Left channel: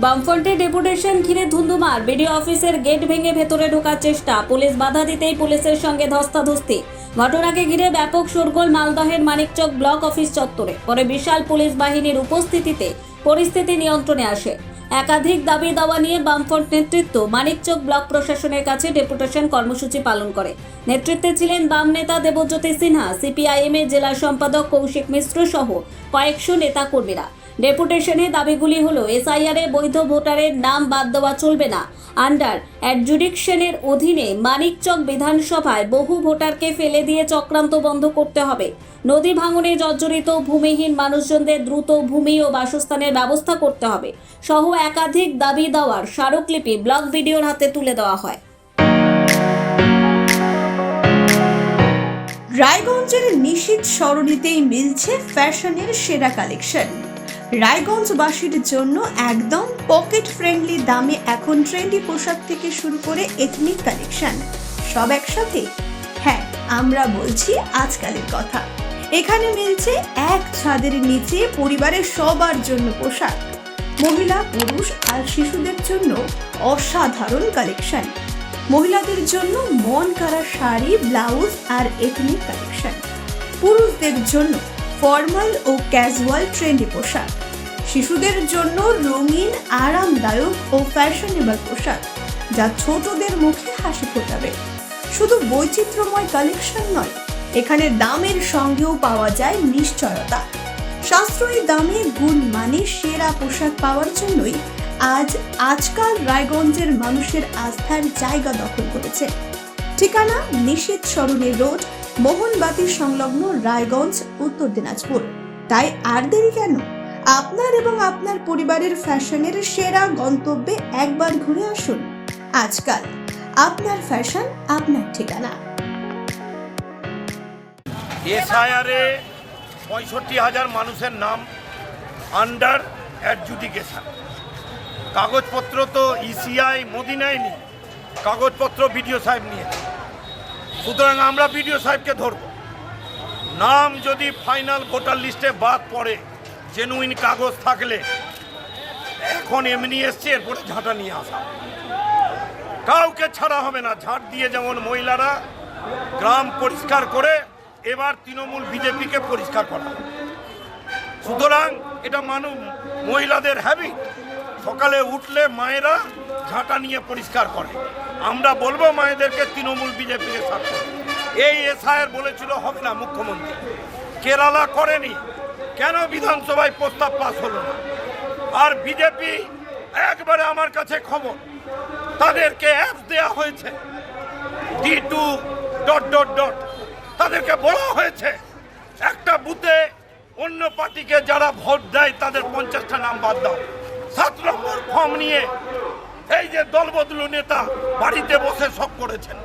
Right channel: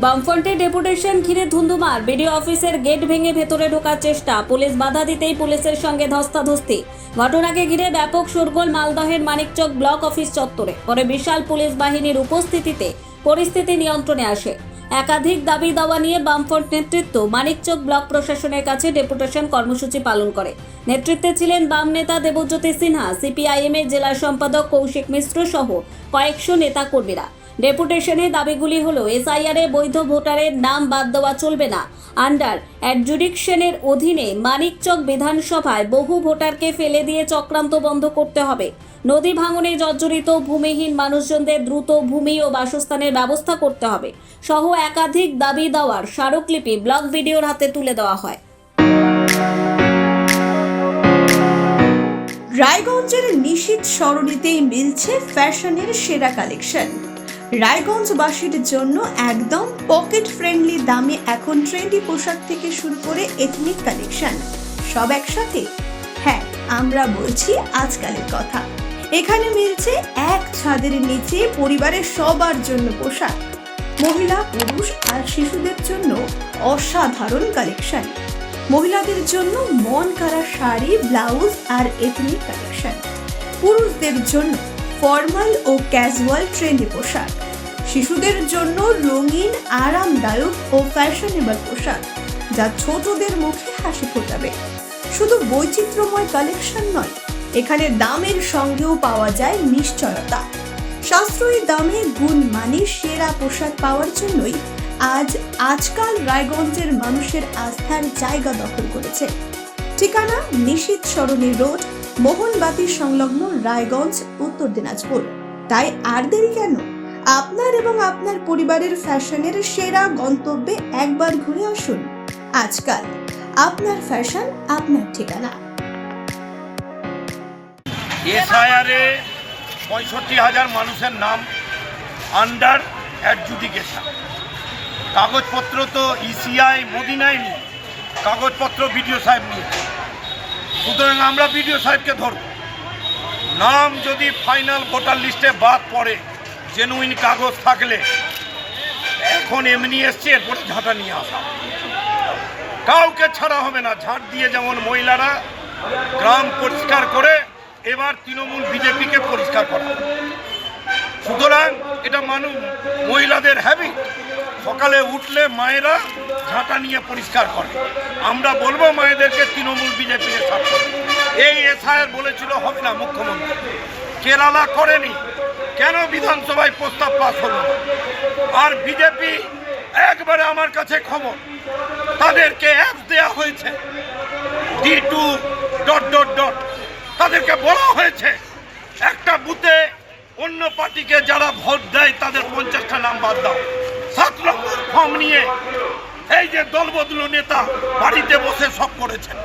বামফ্রন্টের ডেপুটেশন ঘিরে ধুন্ধুমার। বিডিও অফিসের গেট ভেঙে ভেতরে ঢোকার চেষ্টা, পুলিশ বাধা দিতেই পুলিশের সঙ্গে ধস্তাধস্তি। ঘটনাকে ঘিরে ব্যাপক শোরগোল মালদহের মানিকচক ব্লক অফিস চত্বরে। পরে বিশাল পুলিশ বাহিনীর উপস্থিতিতে পরিস্থিতি নিয়ন্ত্রণে আসে। একাধিক দাবি দাওয়া নিয়ে বামফ্রন্ট নেতৃত্ব মানিকচক ব্লক প্রশাসনের কাছে ডেপুটেশন কর্মসূচি পালন করে। নেতৃত্বে ছিলেন বাম নেতা দেবজ্যোতি সিনহা, সিপিআইএমের জেলা সম্পাদক কৌশিক মিশ্র সহ কয়েকশো নেতাকর্মীরা। ডেপুটেশনে দাবিগুলি হলো এসআইআরে বৈধ ভোটারের নাম বাদ দেওয়া চলবে না। আন্ডার অ্যাডজুডিকশনের অধীনে মানিকচক বিধানসভায় বহু ভোটারকে ফেলে দিয়ে চক্রান্ত বন্ধ করতে হবে। নদী ভাঙনে জর্জরিত ভূমিহীন মানুষজনদের দ্রুত ভূমি ও বাসস্থানের ব্যবস্থা করতে হবে সহ একাধিক দাবি দেওয়ার স্মারকলিপি ব্লক বিডিওর হাতে তুলে দেওয়া হয়। রায়গঞ্জের নিশীথ সরণিতেই মিলছে ফ্যাশনের সেরা কালেকশন। রায়গঞ্জবাসীর জন্য একদম পকেট ফ্রেন্ডলি দামে এখন ট্রেন্ডি পোশাক থেকে শুরু করে এথনিক কালেকশন সব একসাথে। হ্যাঁ, আমরা বলছি আজকালের কথা। এখানে মিলছে এক ছাদের নিচে পরিবারের সবার জন্য পোশাক, মহিলা, পুরুষ আর শিশুদের জন্য অসাধারণ কালেকশন। মহিলাদের জন্য মন কাড়া শাড়ি, ব্লাউজ আর এথনিক কালেকশন। পুরুষদের জন্য ফর্মাল ও ক্যাজুয়াল ট্রেন্ডি পোশাক। শিশুদের জন্য রঙিন, আরামদায়ক ও ফ্যাশনেবল পোশাক যা ছোটদের মুখে হাসি ফোটাবে। শুধু বৈচিত্র্যময় কালেকশন নয়, এখানে দামের সঙ্গেও পাওয়া যায় নিশ্চয়তা। সাশ্রয়ী দামে গুণমানে সেরা পোশাক পাওয়ার জন্যই আজকাল রায়গঞ্জের মানুষের আস্থার জায়গা দখল করেছে। ঠিকানা নিশীথ সরণি রোড, মোহনবাতি সংলগ্ন, রায়গঞ্জ, উত্তর দিনাজপুর। তাই আর দেরি কেন? আপনার এবং আপনার পরিবারের ফ্যাশনের সেরা গন্তব্যে একবার ঘুরে আসুন। আজকাল আপনার ফ্যাশন, আপনার ঠিকানা। এসআইআরে 65,000 মানুষের নাম আন্ডার অ্যাডজুডিকেশন। কাগজপত্র তো ইসিআই মোদি নেয়নি, কাগজপত্র বিডিও সাহেব নিয়ে। সুতরাং আমরা বিডিও সাহেবকে ধরব। নাম যদি ফাইনাল ভোটার লিস্টে বাদ পড়ে, জেনুইন কাগজ থাকলে, এখন এমনি এসছে, এরপরে ঝাঁটা নিয়ে আসা, কাউকে ছাড়া হবে না। ঝাঁট দিয়ে যেমন মহিলারা গ্রাম পরিষ্কার করে, এবার তৃণমূল বিজেপিকে পরিষ্কার করা। সুতরাং এটা মহিলাদের হ্যাবিট। সকালে উঠলে মায়েরা ঝাঁটা নিয়ে পরিষ্কার করে। আমরা বলবো মায়েদেরকে তৃণমূল বিজেপিকে সাথ করতে। এই এসআইআর বলেছিল হবে না মুখ্যমন্ত্রী, কেরালা করেনি, কেন বিধানসভায় প্রস্তাব পাস হলো না? আর বিজেপি একবারে আমার কাছে খবর, তাদেরকে অ্যাপস দেওয়া হয়েছে D2... তাদেরকে বলা হয়েছে একটা বুথে অন্য পার্টিকে যারা ভোট দেয় তাদের 50টা নাম বাদ দাও। 7 নম্বর ফর্ম নিয়ে এই যে দলবদলু নেতা বাড়িতে বসে সব করেছেন।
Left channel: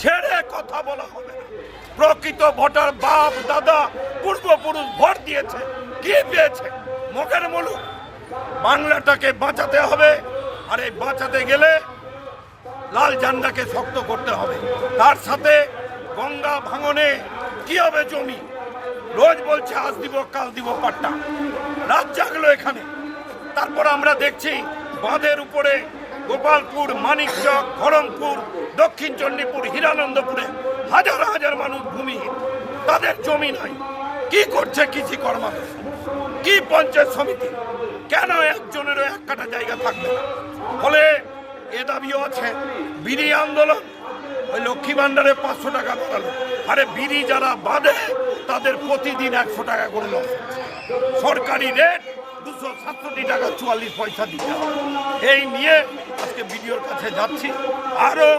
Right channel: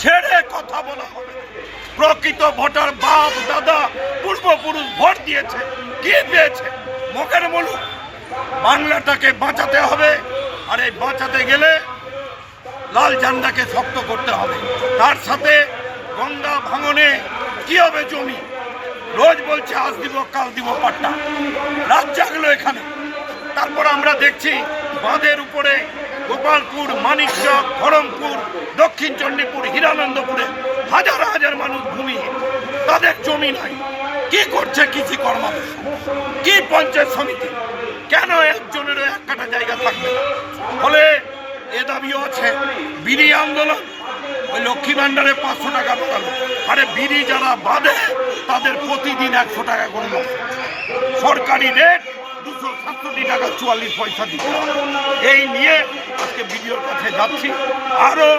ছেড়ে কথা বলা হবে। প্রকৃত ভোটার বাপ দাদা পূর্বপুরুষ ভোট দিয়েছে, কি পেয়েছে মুখের বলুন। বাংলাটাকে বাঁচাতে হবে, আর এই বাঁচাতে গেলে লাল ঝান্ডাকে শক্ত করতে হবে। তার সাথে গঙ্গা ভাঙনে কি হবে জমি, রোজ বলছে আজ দিব কাল দিব পাট্টা, রাত জাগলো এখানে। তারপর আমরা দেখছি বাঁধের উপরে গোপালপুর, মানিকচক, ধরমপুর, দক্ষিণ চণ্ডীপুর, হীরানন্দপুরে হাজার হাজার মানুষ ভূমিহীন, তাদের জমি নাই। কি করছে কৃষি কর্মাধ্যক্ষ, কি পঞ্চায়েত সমিতি? কেন একজনেরও এক কাটা জায়গা থাকবে না? ফলে এ দাবিও আছে। বিড়ি আন্দোলন, ওই লক্ষ্মী ভাণ্ডারে 500 টাকা বাড়ালো। আরে বিড়ি যারা বাঁধে তাদের প্রতিদিন 100 টাকা করে দেয়। সরকারি রেট 267 টাকা 44 পয়সা দিতে হবে। এই নিয়ে আজকে বিডিওর কাছে যাচ্ছি। আরও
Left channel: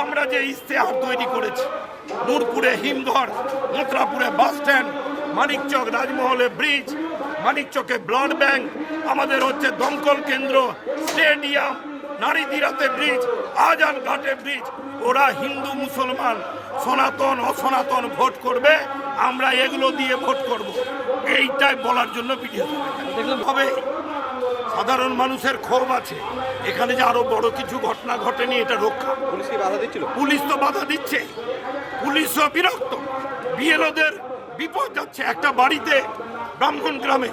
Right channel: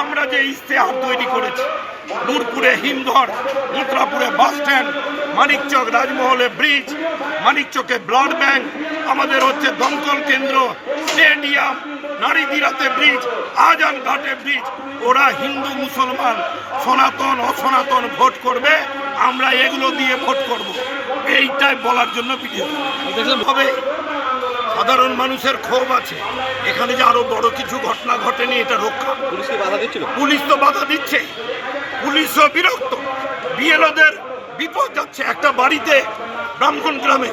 আমরা যে ইশতেহার তৈরি করেছি, নূরপুরে হিমঘর, মথুরাপুরে বাস স্ট্যান্ড, মানিকচক রাজমহলে ব্রিজ, মানিকচকে ব্লাড ব্যাংক, আমাদের হচ্ছে দমকল কেন্দ্র, স্টেডিয়াম, নারীদিরাতে ব্রিজ, আজান ঘাটে ব্রিজ। ওরা হিন্দু মুসলমান, সনাতন অসনাতন ভোট করবে, আমরা এগুলো দিয়ে ভোট করব। এইটাই বলার জন্য ভিডিও হবে। সাধারণ মানুষের ক্ষোভ আছে, এখানে যে আরো বড় কিছু ঘটনা ঘটেনি এটা রক্ষা। পুলিশ তো বাধা দিচ্ছে, পুলিশও বিরক্ত, বিএলওদের বিপদ যাচ্ছে। একটা বাড়িতে ব্রাহ্মণ গ্রামে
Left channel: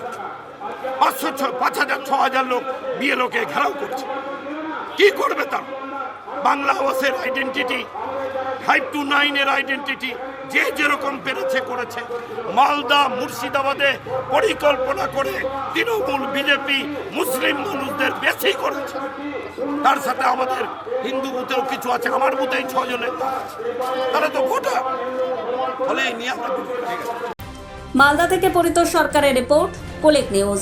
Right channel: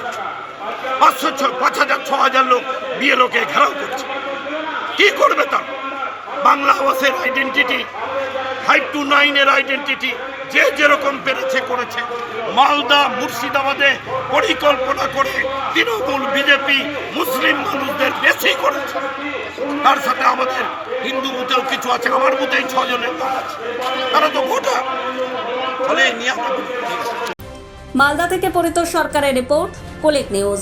5,000 6,000 লোক বিএলওকে ঘেরাও করছে। কি করবে তারা? বাংলা আবাসের আইডেন্টিটি, 529 এর আইডেন্টিটি যে যেরকম পেরেছে করেছে। মালদা মুর্শিদাবাদে পরিকল্পনা করে তৃণমূল বিজেপি মুসলিম মানুষদের বেশি করেছে। তার সাথে আমাদের হিন্দু বুথেও কিছু আছে, আমার বুথেই 6 জনের নাম আছে, তারা তো ভোটার। ফলে এই নিয়ে মালদা থেকে পরিতোষ সরকারের রিপোর্ট, কোলেক নিউজ।